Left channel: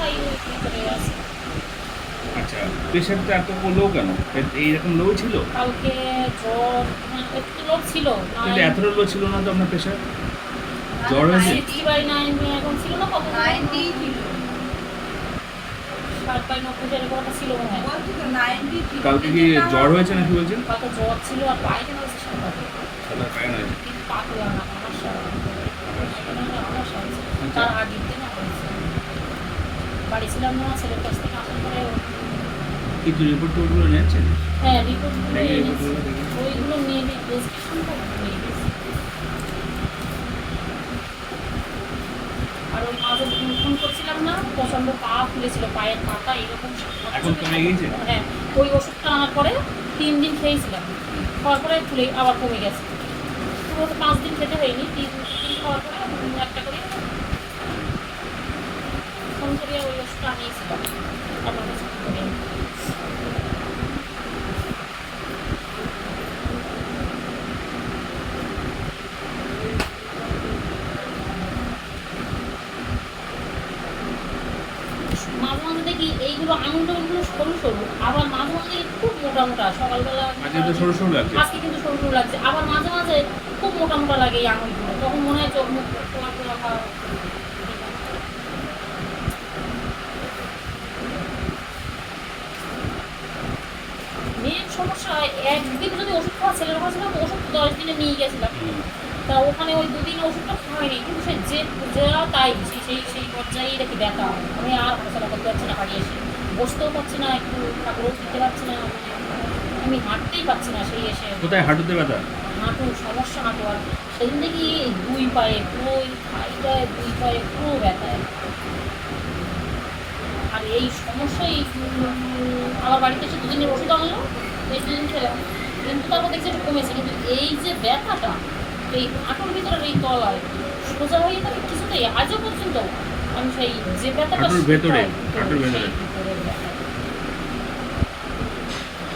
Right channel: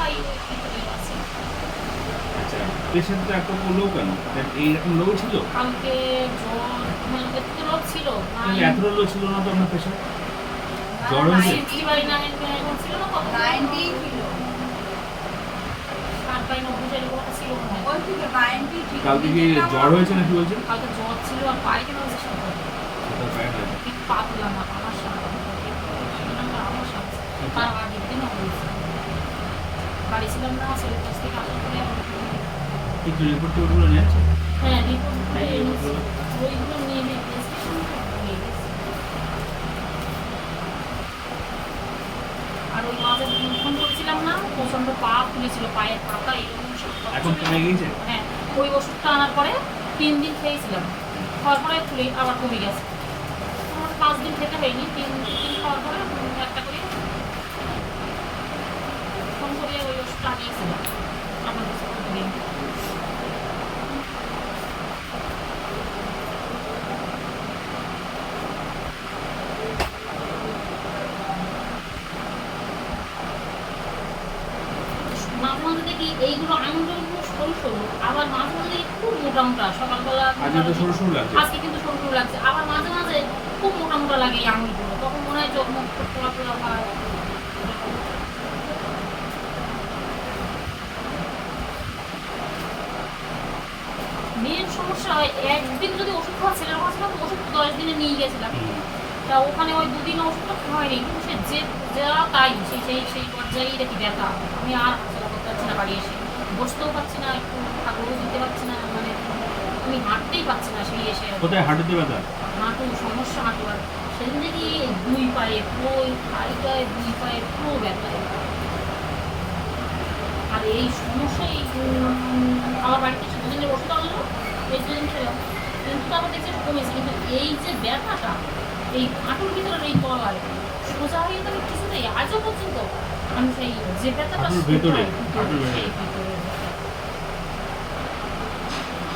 খাই ওই ভিতরে আছে। আচ্ছা, প্রেশারটা এত লো কেন? এইরকম লো ছিল? কালকে জ্বর, হ্যাঁ একটু লো ছিল, কিন্তু এতটা লো ছিল না তো আপনার প্রেশার? জ্বর হয়েছে? 60/9 এরকম ছিল না, কত 90 ছিল। 60/90 এরকম একটা ছিল মনে হয়। বলছি তো 90 ছিল। কালকে কি জ্বর হয়েছে নাকি বলছেন? কালকে জ্বর ছিল আর পায়খানা হয়েছে সেটা পাবে। সাদা পায়খানা হয়েছে। কিন্তু পাতলা না, আমাশা। আমাশা হয়েছে। তার আগের দিন হয়েছে। বাড়ি ছিলাম না, ছেলের কাছ থেকে আসলে করে কিন্তু রিপোর্টগুলো নিয়েছেন? হ্যাঁ রিপোর্টগুলো এই এনেছি। রিপোর্টগুলো দেখুন। ওইগুলো নিয়ে প্রেসক্রিপশনটা নিয়ে গেছি। আর ওই মাঝে ফোন করেছিলাম না, প্রচণ্ড পা ফুলেছিল, পায়ের পাতা এরকম সব এখন কমে গিয়েছে? হ্যাঁ, ওই ওষুধটা আনার পরে 3 দিন খেয়েছিলাম, খাওয়ার পরে ফুলে আবার কমে গেছে। পুরো 5 দিন খেতে হয়নি, 3 দিন খাওয়ার পরে একটা করে ফোন করে ওই ওষুধটা আনিয়েছিলাম আপনার কাছে ফোন করে। মাঝে মাঝে দেখি এইগুলো আঙুলগুলো সরু সরু, আবার মাঝে মাঝে দেখি খুব মোটা মোটা। সকালবেলা আজকে তো সরু সরু লাগছে। আজকে কিন্তু সরু সরু লাগছে, আবার মাঝে মাঝে খুব মোটা মোটা লাগে এই আঙুলগুলো, তখন মনে হয় চোখ মুখ পোড়া পোড়া হয়। মেয়ের সমস্যা হয়, একদিন যদি ওষুধ খাওয়া ছেলের কাছে না, তো ওষুধ 10 দিনে নিয়ে গেছিলাম, তা ওখানে ওই 2 দিন ওষুধটা খাওয়াইনি, কিন্তু সে যে যা তাই সেই সেই সেই পর্যায়েই দেখি ব্যথা। আমি আর হাঁটাচলা করতে পারছি না, বাড়ি এসে বসতেও পারছি না, একটু ঠাকুরও দিতে পারছি না, মানে আমি হাঁটতেই পারছি না। সেই এসে কোথায় হাঁটুতে ব্যথা? হাঁটু সমস্যা, হাঁটু। আর সেদিন দেখি এই 2 পায়ে পুরো, ওই খাইটায় 2 পায়ে পুরো ব্যথায়। আর এই সমস্যাই আমার বাড়িতে এসে 2 দিনের ওষুধ আনলো, এই 2 দিন খেলাম, কিন্তু তারপর দেখছি একটু কমেছে, কিন্তু এই যে ব্যথাটা এই হাঁটুর ভিতরে এই তলায় সোজা হয়ে গেছে, আমি কিছুতেই আজও পর্যন্ত আমি সেই যে ব্যথাটা হাঁটুর ভেতরে, সেটাই হাঁটুর ভেতরে। সেই ভিতরে ব্যথা।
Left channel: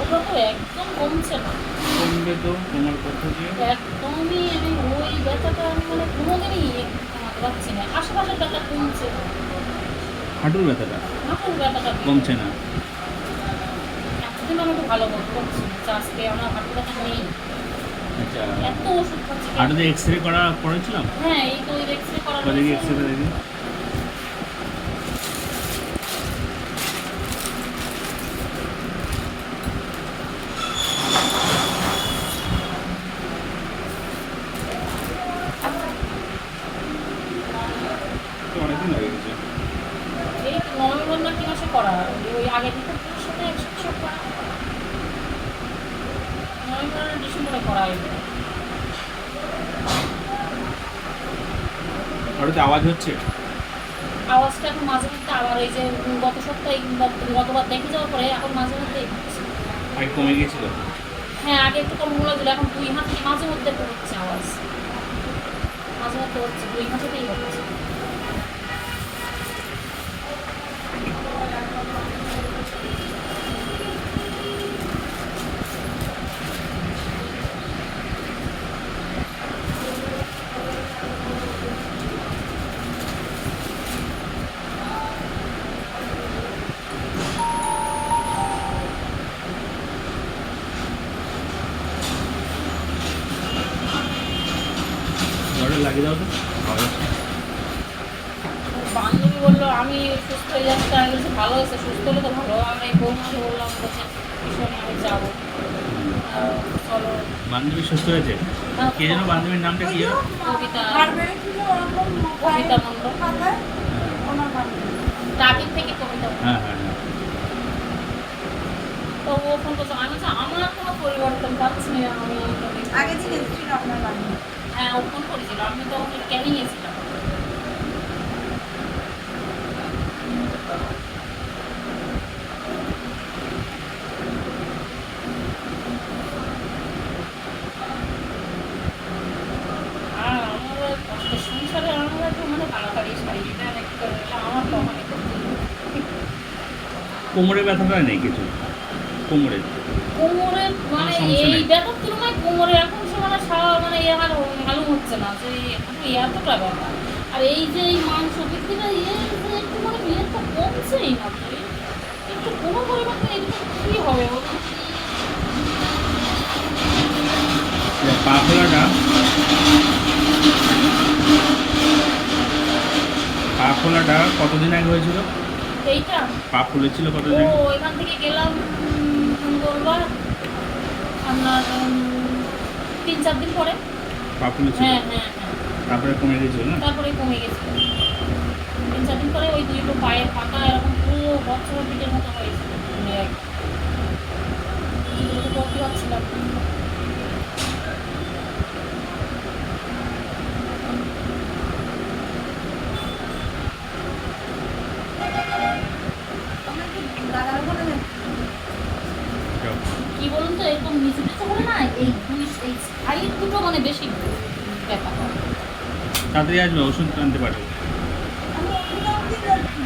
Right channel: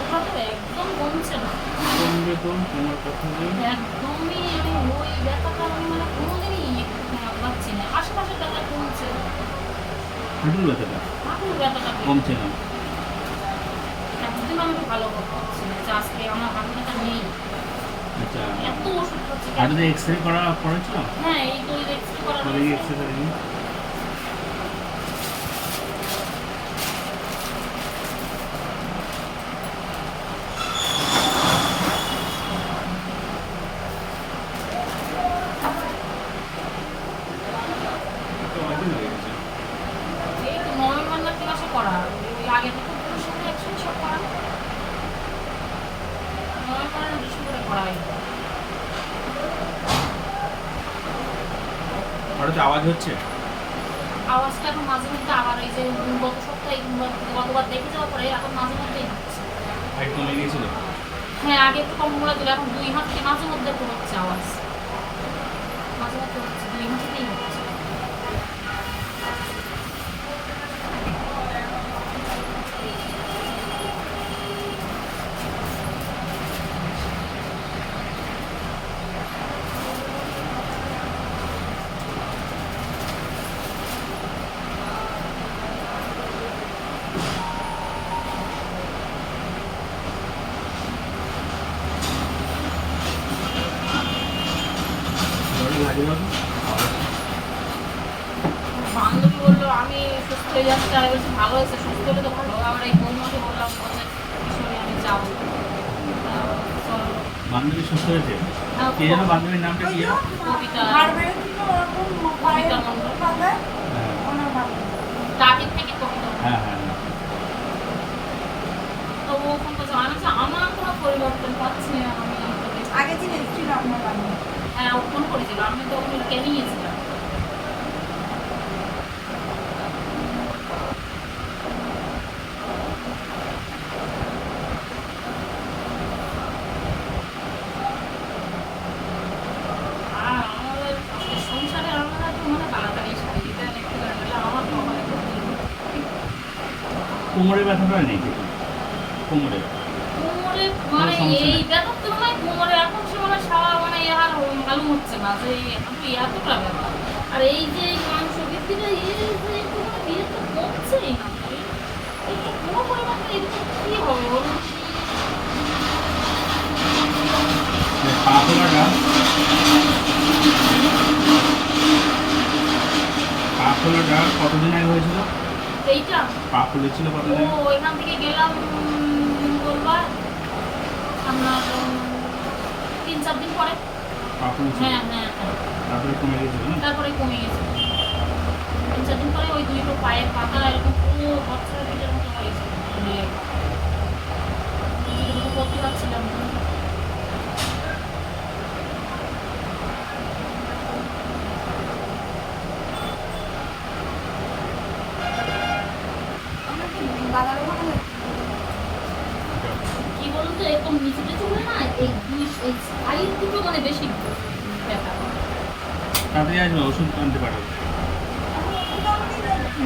ওটা তো একদম কমছে না, কমবে তো, কমার কথা যে। একদমই। আমি ওই ব্যথাটা আমি মানে কোনোদিনই একটু কমাতে পারছি না। আশেপাশের ব্যথা কমছে, হাঁটুর ব্যথাটা হাঁটুর ব্যথাটা কমছে না। একদিন আমি একটু ভালো বোধ করছি যে আজকে আমার হাঁটু ব্যথা নেই। আচ্ছা, এত ওষুধ খাচ্ছি। হাঁটুতে এক্সরে করেছিলাম। হ্যাঁ, এই তো এক্সরে করা দেখি এক্সরে দেখি। তো অনেকদিন হয়ে গেছে। এই তো নভেম্বর না কি মাসে করা, ওই আগে রিপোর্টগুলোর সাথে একসাথে সব করা, নভেম্বর না ডিসেম্বরে করা এগুলো। হাঁটুতে আওয়াজ হচ্ছে? আওয়াজটা এখন মাঝে মধ্যে আবার ওই যে গত সপ্তাহে গতবার দেখে যাওয়ার পরে এখন মাঝে মধ্যেই হচ্ছে। আগে কমে গিয়েছিল? হ্যাঁ, আগে একটু কম মোড়া দিল, এখন 2 হাত থেকে মাঝে মধ্যে একটু হচ্ছে আওয়াজ, মাঝে মধ্যে হচ্ছে, 2 হাতেতেই হচ্ছে। ঘরে লাগিয়ে দাও তো, আওয়াজ হচ্ছে। বান্ধবী বললো আমি সুস্থ হয়ে যাচ্ছি, আমি বলছি ভালো হয়েছে, সুস্থ হলে তো ভালো। আমরা এই বৌমাকে বললাম বলছে ভীষণই আমি যাবো। চলো। বান্ধবী সুস্থ হয়েছে? কে যেন বান্ধবীর নামটা কি যেন? কবিতা, আর বেরিয়েছিল ওরকম কবিতা মণ্ডল, পাতলা, হ্যাঁ ওনার ভালো। টাকির থেকে কবিতা। হ্যাঁ হ্যাঁ হ্যাঁ। তো ও ফোন করছে, আমি বলছি, আমার কোনো পরিবর্তন পাচ্ছি না, আমি আগে দিন এসেছিল আপনার বাড়ি। হ্যাঁ ও ফোন করেছিল, আমি তখন ক্যানিংয়ে ছিলাম। আর আমাদের সংসারে আমরা একটু মানে তাড়াতাড়ি সারি দিতে একটু আমার কখন একটু কোমরে ব্যথাটা নেই কিছু? কোমরে কোমরে মানে সমস্যা এই নেই? ব্যথার তুলনায় কোমরে এখন সে মানে মানে এ আর মালুম হচ্ছে না যে এতটা ব্যথা। আর এই যে এই মাংস বৃদ্ধিটা, এই যে একটু মানে বিয়েটা কম কমছেই না তো একটু কোনো পরিমাণে এরকম কি হবে বলুন? পা ফোলাটা কতদিন আগে হয়েছিল? এইটা পা ফুলেছিল ও কতদিন আগে? এখান থেকে গেলাম মঙ্গলবার, আমরা 3-4 দিন পরে। পা ফুলেছিল, হ্যাঁ হ্যাঁ হ্যাঁ, তারপরে কমে গেছিল না? তারপরে কমে গেছে। 3-4 দিন পরে ওই দুটো পায়ের পাতা এরকম পুরো বাচ্চাদের পিঠের মতো হয়েছিল, ফুলে দুটো করতে পারছিলাম না। আমরা কি দাদার ওখানে যাচ্ছি? কি বলুন তো, এরকম নিচু নিচু হলে না এই সাইড দুটো মানে বেশি ব্যথা করে। তাড়াতাড়ি আসবে, ওষুধ আনতে পাঠাবো। আমরা ওখানে যাচ্ছি।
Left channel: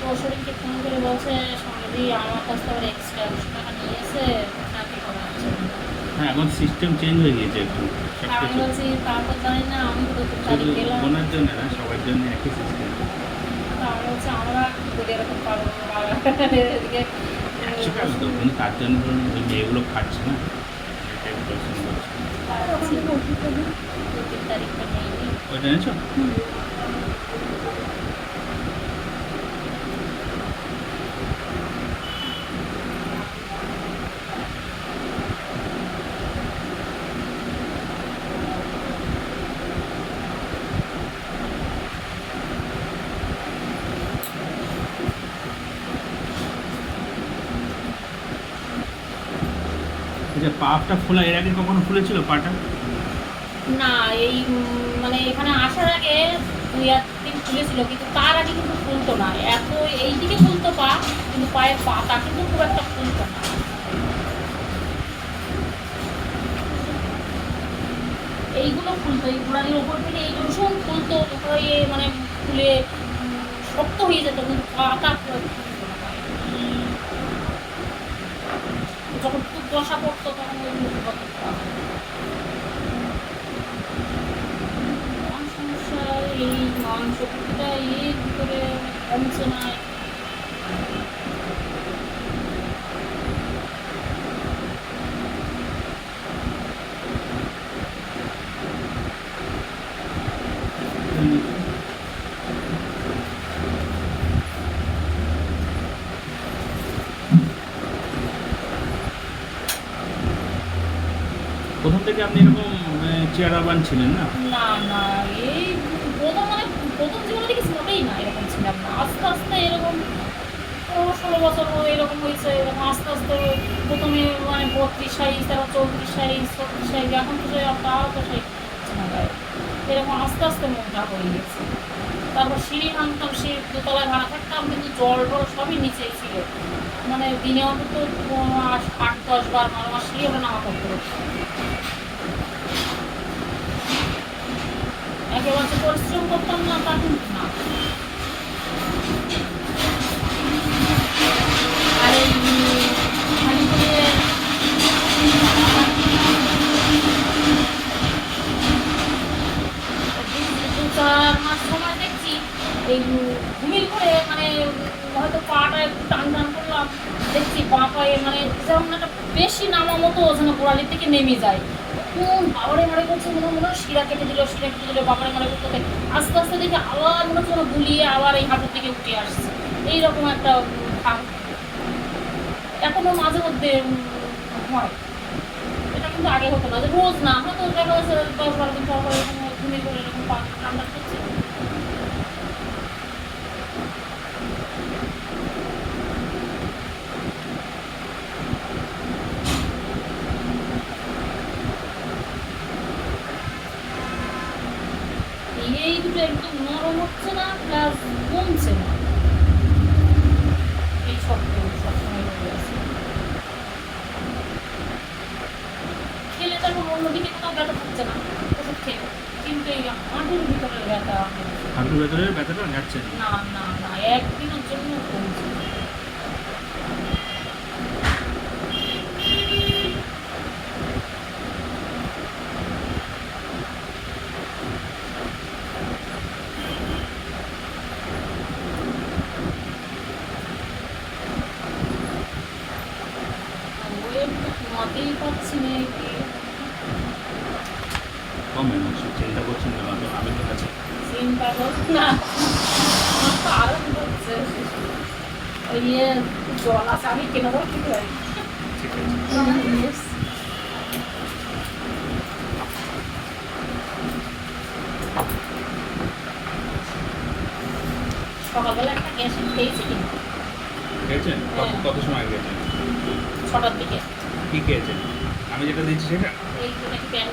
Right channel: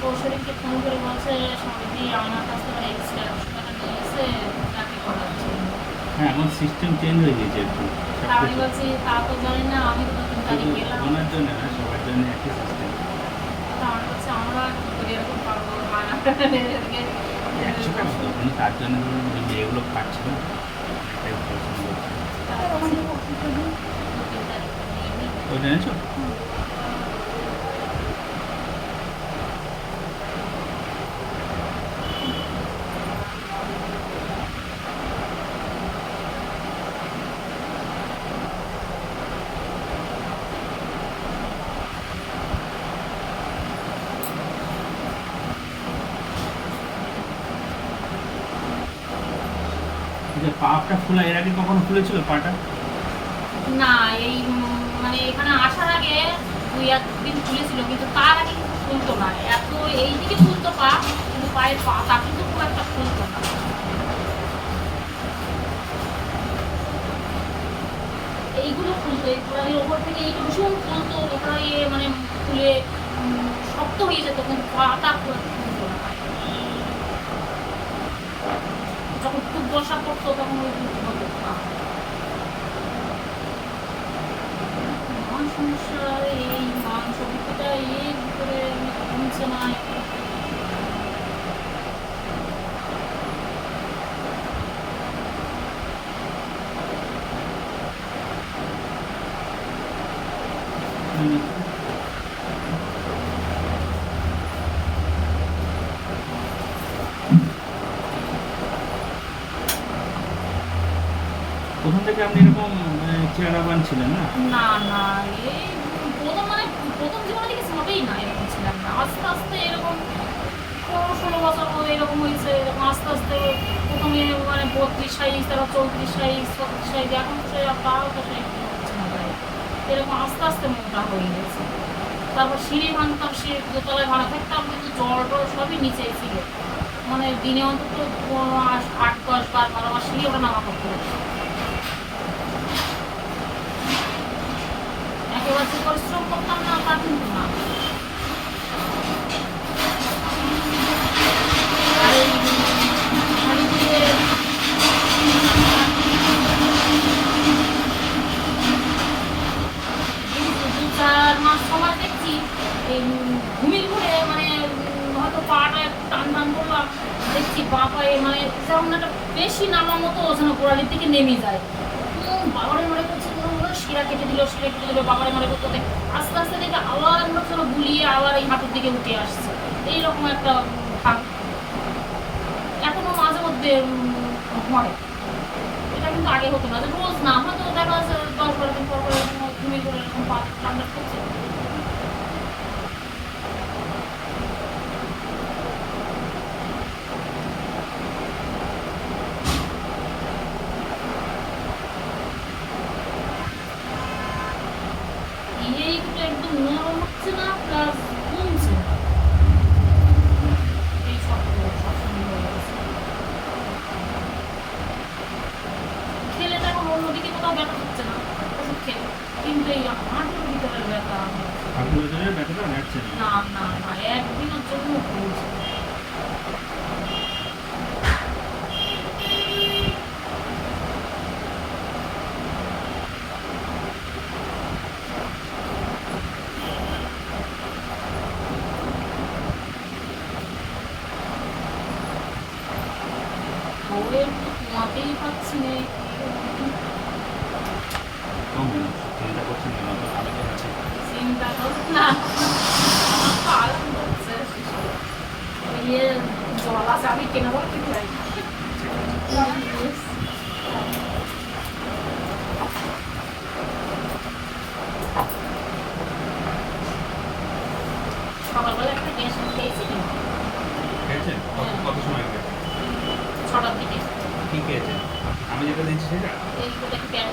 তো শরীরকে ফোন করে বলছে সমাধি আমার কাছ থেকে এক্সট্রা 200 টাকা নিয়েছে, টাকা করাচ্ছে। হ্যাঁ, এখন সিস্টেম চেঞ্জ হয়ে গিয়েছে একটু সব আমি কিছু। বলছি তা তো জানি না, আমি তো 2-3 শুধু তারিখ গেলাম। ওনার জন্য না, সবার জন্য একই সিস্টেম। তা আমি বলছি আমরা কি করি এরকম পারবো না, এদিকে 100 টাকা তো, কিন্তু তার জন্য ধরুন ওই মেয়েগুলো খাচ্ছে না, এটাই পছন্দ করছে। তার বলছি 2-3 তারিখটা নিয়ে নিই। ওইটা এনেছো? আচ্ছা, পাটা ফোলা এর আগে কখনো ফুলেছিল পাটা? না এই মানে এখানে আসার আগে 2-1 দিন ফুলেছিল, কিন্তু তার আগে কিন্তু ফুলতো না এত। এইদিকে ফুলতো পা, কিন্তু পায়ের পাতা কিন্তু খুব একটা ফুলতো না। এইগুলো ফুলতো, এই গোড়ালির ওপর থেকে এই ভীষণ ফুলতো, ওটা ইয়ে মানে ফুলে শক্ত হয়ে যেত, কিন্তু পাটা খুব একটা ফুলতো না। যখন খুব বসা পড়তো তখন ওগুলো হতো পা। আমার সমস্যা এই মাংস পেশিটা এর ভিতরে কমছে না। প্রথম থেকে আপনি এরকম চেহারাবান ছিলেন না? না না, এই প্রথম জীবনে দেখেছি মোটেই না এরকম ছিলাম না। আস্তে আস্তে এরকম 16 বছর এরকম হয়েছে, এরকম আস্তে আস্তে প্রথমে মানে 32 সাইজ, তারপর 34 সাইজ, 36 সাইজ, এখন তো তাও তো সাইজ হচ্ছে না গায়ে। এরকম আস্তে আস্তে মোটা হয়ে গেছে। তারপর সিঁড়ি ভাঙতাম, সে দোতলায় ভাড়া থাকতাম, কিন্তু জল টল সবই নিচেই ছিল। মানে দিনে অন্তত 8-10 বার আমার সিঁড়ি ওটা নামা করতে হতো। একেবারে যে পরিশ্রম করতাম না তা কিন্তু না। আর এই হাড়িগুড়িয়ে দু-4 মাস সময় দেখছি এই ঘুমির করে মানে হয়তো পাটা একটু টান টান করলাম, দেখছি পা পায়ে মানে যেমন একটা বেশি নামা মতো যেন গোড়ালির থেকে নেমে যায়। বাবারে মারে করছে, মনে হয় শিরা কেটে দিল, বাবারে মারে করতে আস্তে আস্তে দেখে আবার মনে হচ্ছে গুলিয়ে আবার এই হাঁটুর দিকে উঠে আসছে। এইরকম একটা ভাব এখনো মাঝে মধ্যে হয়। এটা কিন্তু আগে হতো না, যে রোজ না, হয়তো দেখা যাচ্ছে 10-12 দিন পর পর এরকম ঘুমিয়ে পড়ে এরকম পা ঠান্ডা করছে। এই দুটো একদম নরম হচ্ছে না, প্লাস কমছে না, এই শক্ত সবসময় রয়ে আছে। ওদিকে কোথাও ব্যথা হচ্ছে না ওষুধ খেয়ে, কিন্তু এই হাঁটুর ভিতরের ব্যথা হাঁটুর ভেতরের ব্যথাটা ঘাটছে না। না না না, একদিনের জন্য বলছে। ঘুমাতেই পাচ্ছি না। কমে না, চিন্তা করছেন কেন? তো আমি তো আছি। চিন্তা করো না, আমার তো আরাম হচ্ছে। ওই জল আছে, আমি কেন বলে ঠিক লাগে। ঠিক আছে। সকালবেলা একটা গ্যাসিন খেয়েছি কিন্তু খেয়েছেন? কত সময় খেয়েছেন? 6টার দিকে। কি খেয়েছেন? আমি যেটা দিচ্ছি সেটা এই তো দেখি প্যান।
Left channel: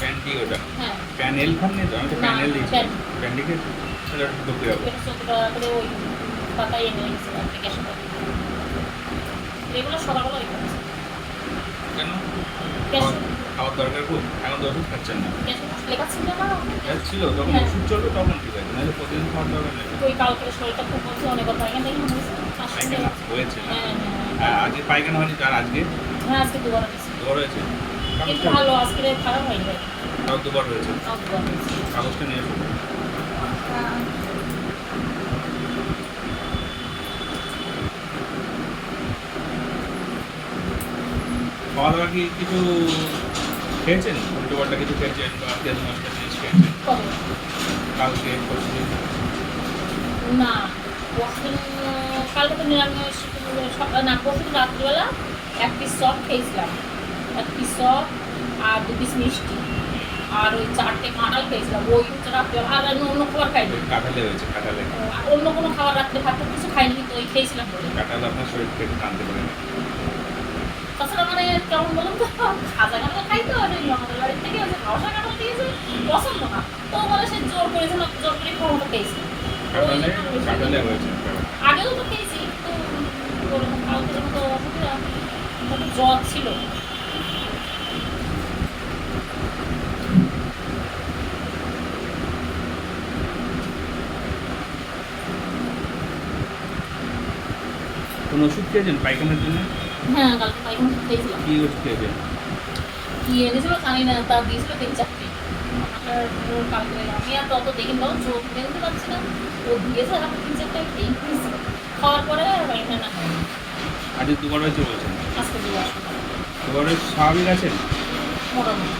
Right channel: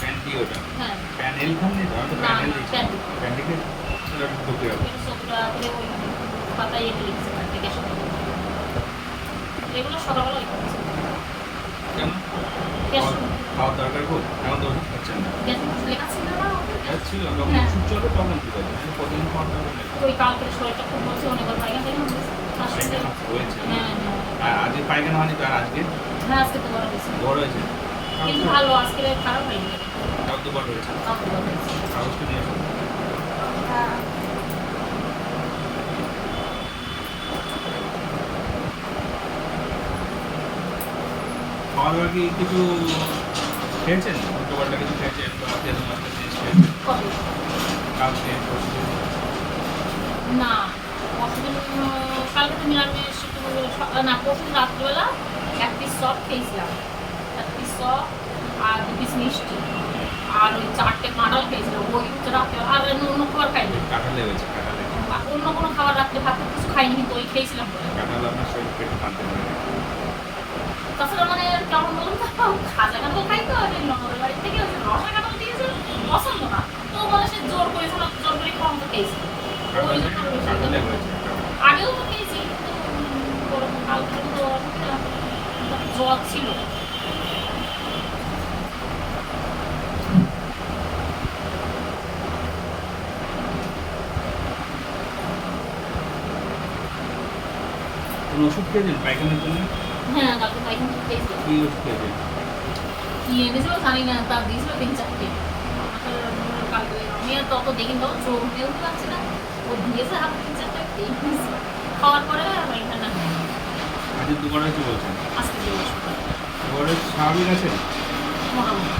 প্যান্টি, ওটা হ্যাঁ, প্যানেল খান নি তো? আমি তো না, প্যানেল না, দিচ্ছি। প্যান্টি। প্যান্টি খেয়েছেন? তাহলে একটু দুঃখে যাবো। এটা 17 করে ওই পাতায় এনে রেখেছে বাড়িতে গ্যাসিন। এগুলো সকালবেলা ওই খাচ্ছি। কেন? গ্যাসিন খাওয়ার দরকার খুব? এখন তো ওষুধ খাচ্ছেন না। গ্যাসিন লেখা ছিল না? গ্যাস ছিল যখন হ্যাঁ। ওষুধ চলবে তখন ঠিক আছে, নাহলে প্রতিদিন খাওয়ার দরকার নেই। ওই কালকের শরীরটা খুব বলছে, অনেকবার পায়খানা টাইখানা হয়েছে। পায়খানা হয়েছে না? হ্যাঁ হ্যাঁ হ্যাঁ, আজকে পায়খানা হয়নি তো? আর আজকে হ্যাঁ, আজকে দুবার হয়েছে। দুবার হয়েছে? কিন্তু কাগজটা ভালো, আজকে খারাপ হয়নি। তাও দুবার হয়েছে। আর দুবার হয়েছে। কাগজটা নিয়ে আসুন। খাওয়া দাওয়া কি কিছু খেয়েছেন? উল্টো পাল্টা কিছু খেয়েছেন বা তেল মশলা জিনিস খেয়েছেন? কত? কালকে পরশুদিন? না, পরশুদিন কালকে তো নিরামিষ, না পরশুদিন রাত্রিবেলা 1 পিস চপ খেয়েছিলাম, 1 পিস চপ আর 2 পিস মিষ্টি আর ওই 4টে কাঁঠাল খেয়েছিলাম। ওই হচ্ছে রাত্রিবেলা, আর আমি অন্য খাবার খাইনি। ওই কাঁঠালে হয়েছে, কাঁঠালে। আর অন্য কোনো খাবার রাত্রে ভাত কিছু খাইনি, তো ওই খেয়েছিলাম বলে। কাঁঠাল আপনার শরীর পেটে টানতে পারে না। তাছাড়া মানে কেমন বলুন তো, খাজা কাঁঠাল খাই তো, ননদের বাড়ির থেকে ওই যে রসা কাঁঠাল দিয়েছে, পছন্দ না, তো বলে সে জোর করেছে না, জোর করে খাওয়া মতো খেয়েছি। কাঁঠালে কাঁঠালে হয়েছে ব্যাপারটা। আগেও তো খেয়েছি, কিন্তু ওরকম কালকের মতো অসুবিধা, তাতে জ্বর ছিল। কোনো ওষুধ খেয়েছেন পায়খানার জন্য? হ্যাঁ, কালকে পায়খানা ওষুধ খেয়েছিলাম। কি ওষুধ খেয়েছেন? কি এনেছিল জানি না, তা দিয়েছিল 3-4টে। কালকে আমি আর তত দেখিনি, তখন চোখ মেলতে পারছি না, ও দিয়েছে হাতে 3-4টে খেয়ে ফেলেছি। খাওয়ার পরে পায়খানা হয়নি। আজ দুবার হয়েছে বলছেন? আজকে দিয়ে আসতে পারে দুবার হয়েছে, স্বাভাবিক আছেন? মোটামুটি।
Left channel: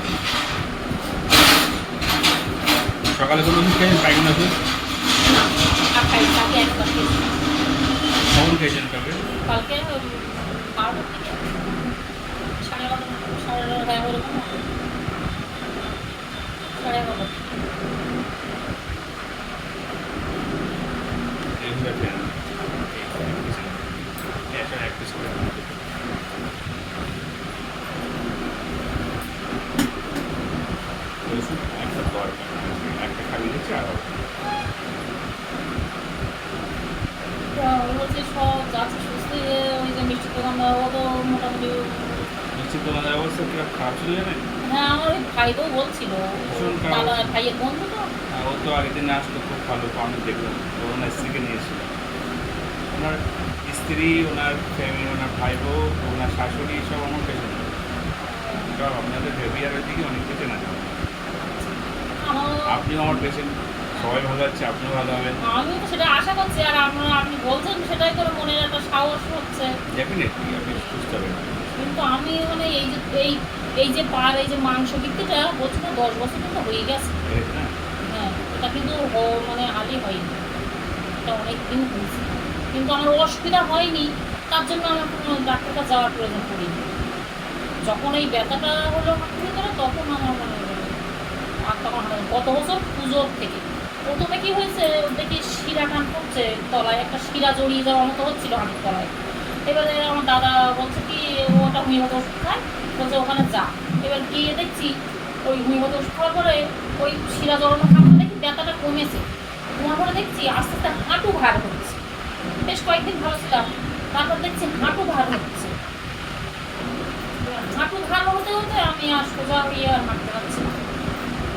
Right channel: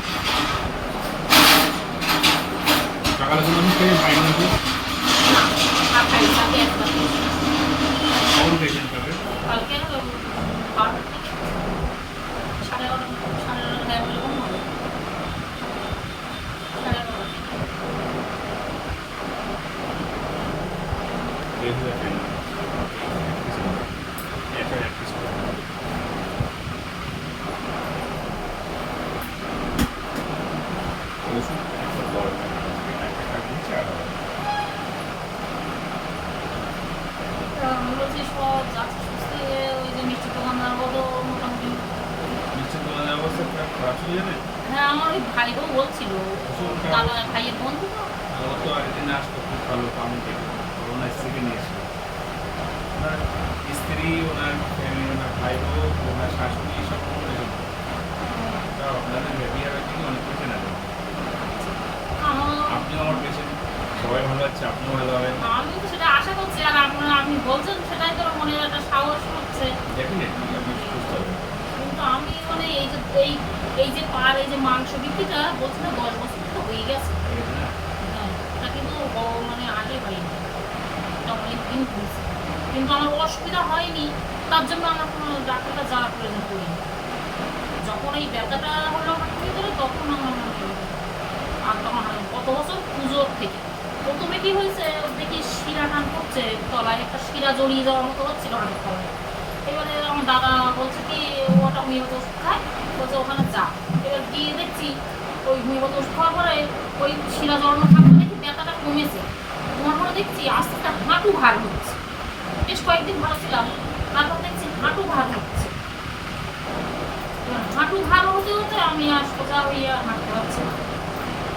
সকালে কোনো ওষুধ খেয়েছেন, পায়খানা ওষুধ? না, আর খাই, কালকে একবার খেয়েছিলাম। কখন খেয়েছেন কালকে? কালকে 12টা থেকে 11:30 11:30 ওরকম হবে। 11:30। এই ওষুধ আর খেলেন না? এক পিস করে ওষুধ একটা দরকার, একটা খালি দিচ্ছে আর হবে। আমি বলছি সব যাচ্ছে সুস্থ হয়ে, ওই যে মিষ্টি দোকানটা ও তো মোটামুটি। নিশ্চিত তোমাদের অবস্থা খুব খারাপ ছিল জানেন? হ্যাঁ, আমার ওই ভাই বউ বলছিল, ভীষণ খারাপ। দাদা ভাইয়ের বন্ধু তো। ও তো আগের দিন আসতো, খুব ভালো আমি দেখলাম। ও ওনার স্ত্রীকে নিয়েছিল, ওনার স্ত্রী, ওনার ফ্যামিলি, ওনার ভাই বউ, ওনার শাশুড়ি সব আমার পেশেন্ট। সব আপনাদের হেভিয়ারের দিকে অনেক কিছু না দেওয়া। আপনিও আমার পেশেন্ট, সবাই ভালো আছে, আপনিও ভালো হবেন। আমি তো সেটা আশা করছি, আর আপনি বলছেন সেটাই তো মনের একটা সাহস হচ্ছে। ডেফিনেটলি আপনি সুস্থ হবেন। কিন্তু আমি মানে এই যে পার, এই যে মাংস বিক্রিটা বলছি না, 10 বছর কিন্তু হয়ে গেছে। হয়েছে না? হ্যাঁ, এটা কিন্তু মানে আগে হয়নি, এটা অনেক দিন হয়েছে, কিন্তু আমার অসুবিধা হয়নি। তার জন্য আমার কোনো ডাক্তারটা যাওয়ার প্রয়োজন পড়িনি। যখন এই ব্যথাটা হলো আমার খুবই করে, তখন আমার মনে হলো। আর তখন গত বছর পুজোর থেকে প্রথমে কি হয়েছে, দেখি শিরা টান করছে তলায়, একটা শিরা জড়িয়ে যাওয়ার মতো হচ্ছিল হাতের তলায়। এবারে আমার দাদা বলছে কি ওটা হোমিওপ্যাথি ওষুধ খায়, বলছে ওখানে যা। এবার গিয়ে দেখছি ওই হোমিওপ্যাথি ওষুধ খাওয়ার পরে ওই শিরা জড়ানো থাকলে দেখি ব্যথাটা কমেছে। তোমার পরে দেখছি আস্তে আস্তে হাঁটু ভার হচ্ছে। বেশ কয়েকদিন ভালো ছিলাম, তারপর দেখছি হাঁটু ভার হচ্ছে। আর হাঁটু ভালো হতে হতে আমি আর সোজা হইয়া আর হাঁটতে পারছি না।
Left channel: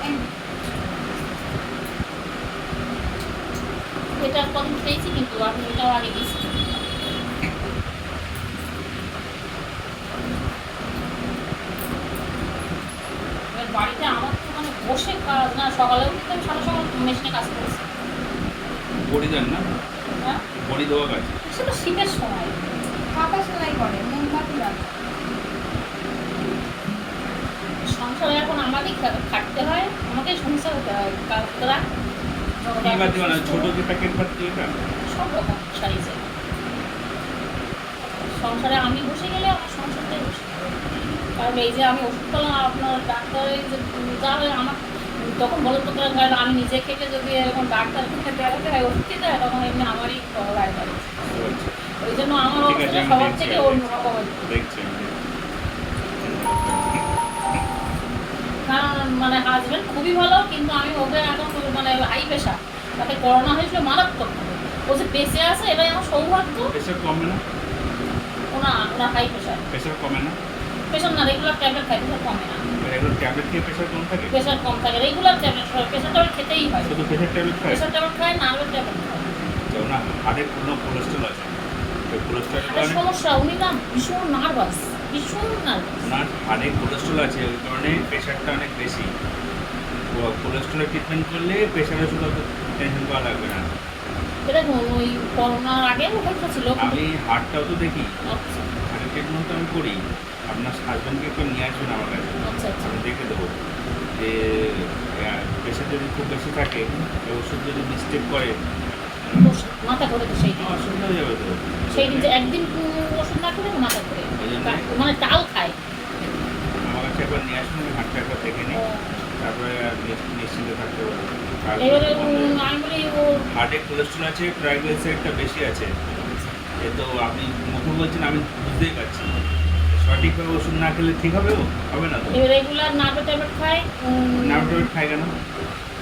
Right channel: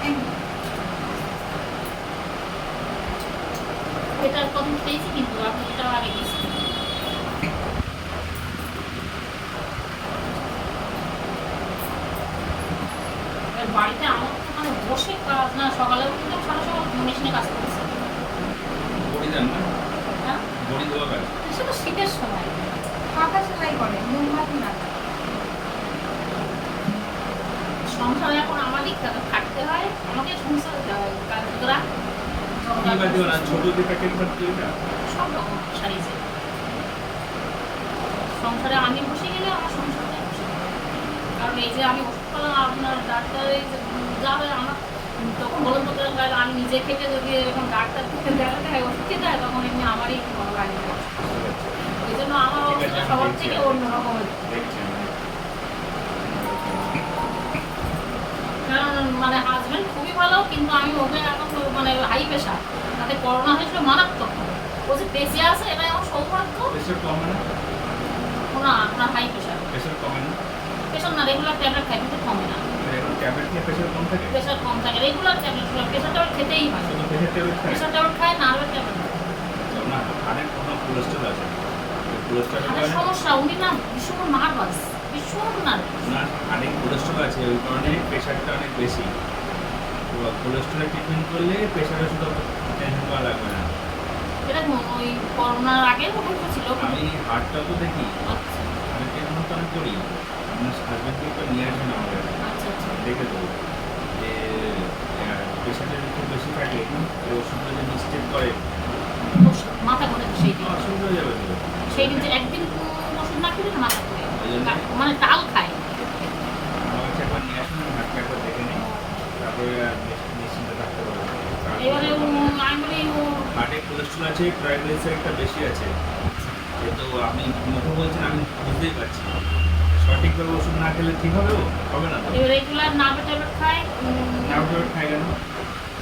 এই এটা কদিন খেয়েছি কিন্তু আপনি এটা আগে গেছিলেন। এবার বাড়িতে আমার তো মানে বসে কাজ না, সকালে উঠলাম সারা সকাল মেশিনে কাজ করেছি। বড়ি দেন না, হ্যাঁ বড়ি দেওয়া কাজ। সে তো শীতের সময়। হাতা সেলাই করে মোমবাতি রাখে। সংসারে এখন আমারই খাটতে হয়, আমাকে সংসার হতে হয় কাজ করা। কি বাদ দিবা না, ছোট কি প্যাকেট বাদ দিও এটা? সব রকম সাইজে সংসারে আমি বসে গেলে আমার সংসারটাই বসে যাবে। কারণ এই যে আমি ওষুধপালা আপনার ডাক্তারে যাবে আমার তখন বলুন তো আমি নিজে খেতে যদি এরকম ডাক্তার দেখাতে হয় ওষুধ খেতে হয় তখন এমনি আমারই করা লাগে না। বুঝতে পারছি। ওই জন্য আমার ঠিক আছে, অবস্থাটা আমি সবার দেখছি থেকে আর কি। অন্যরকম আর কি। দেখছি আমি, চিন্তা করতে হবে না। কারণ মানে হাজবেন্ড খুবই ভালো কিন্তু আমি ওকে এখন মানে হাই প্রেশার, তাতে করোনা হয়েছিল মারাত্মক ভাবে। ও যে বেঁচে আছে এটাই আমার সৌভাগ্য। প্রেশার কমে না? ওনার হাই প্রেশার, প্রেশার কমে না? প্রেশার না রেগুলার ট্যাবলেট খাই, প্রেশার কমে না। এখন ট্যাবলেট খেয়ে প্রেশার কম থাকে? প্রেশার কম থাকে রেগুলার ট্যাবলেট, প্রেশার ট্যাবলেট খেতেই হয়। শুধু প্রেশার ট্যাবলেট খায়? প্রেশার ট্যাবলেট খায়, নার্ভের ট্যাবলেট খায়। না, হাড়ের কোনো কোলেস্ট্রল আছে? কোলেস্ট্রলের হাড়ের কারণে সমস্যা, উনি না ভীষণ নার্ভাস, ভীষণ নার্ভাস। না, হাড়ে কোলেস্ট্রল আছে ওই কারণে প্রেশারটা অনেক বেশি। তো কোলেস্ট্রলের ট্রিটমেন্ট করলে প্রেশারের শুধু অত টেনশন করা লাগবে না। এটা ধরুন ওই করোনার আগে ওখানটা ছিল। আমি হাড়টাও তো দেখি, আচ্ছা হাড়ের ট্রিটমেন্ট তো আমি করি। আপনার হাজব্যান্ডকে একটু নিয়ে আসবেন আমার কাছে, আচ্ছা আচ্ছা। আমি দেখে দেবো যে প্রেশার যদি খুব বেশি থাকে তো ওষুধ যদি মিস্টেক করে মাথা ঘুরে তো সেই দিন, অসুবিধা হয়ে যাবে তো। সেই দিন যে একদিন ওষুধ না খেলে না মাথা ঘুরে, ওই জন্য মানে তাল খায়। আমার কাছে একবার নিয়ে আসুন, আমি হাতটা একবার দেখে নিই, তারপরে আর নিশ্চিন্তে থাকতে পারবো। এবারে আমি বলি ও হার্টে কোলেস্ট্রল আছে, ট্রাইগ্লিসারাইডটা বেশি আছে। এ তো আপনি মুখে বলছেন, আমি বুঝতেই পারছি। সঠিকভাবে ওষুধ না খেলে ঠিক হবে? হবে না তো। রেগুলার নার্ভের ট্যাবলেট খায়। নার্ভ ট্যাবলেট খায় কেন?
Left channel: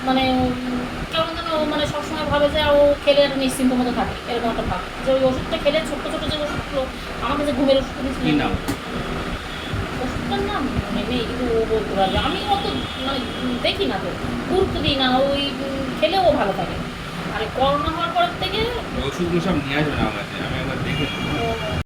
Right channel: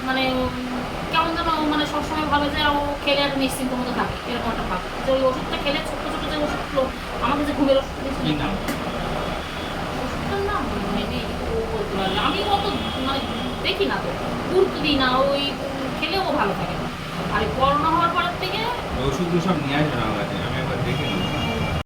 মানে কেমন যেন মানে সবসময় ভাবে যে ও খেলে আর নিশ্চিন্ত মতো থাকে, এরকম একটা ভাব যে ওই ওষুধটা খেলে ছোট্ট ছোট যে ওষুধগুলো আমাকে যে ঘুমের ওষুধ কি দিয়েছিল, নাম? ওষুধটার নাম নেই কিন্তু ও বলতে পারবে। আমি অত মানে দেখি না তো, গুরুত্ব দিই না, ওই খেলেও ও ভালো থাকে। আর করোনা হওয়ার পর থেকে ওই ওষুধগুলো সব নিয়ে আসবেন আমার কাছে, আমি একবার দেখে নেবো।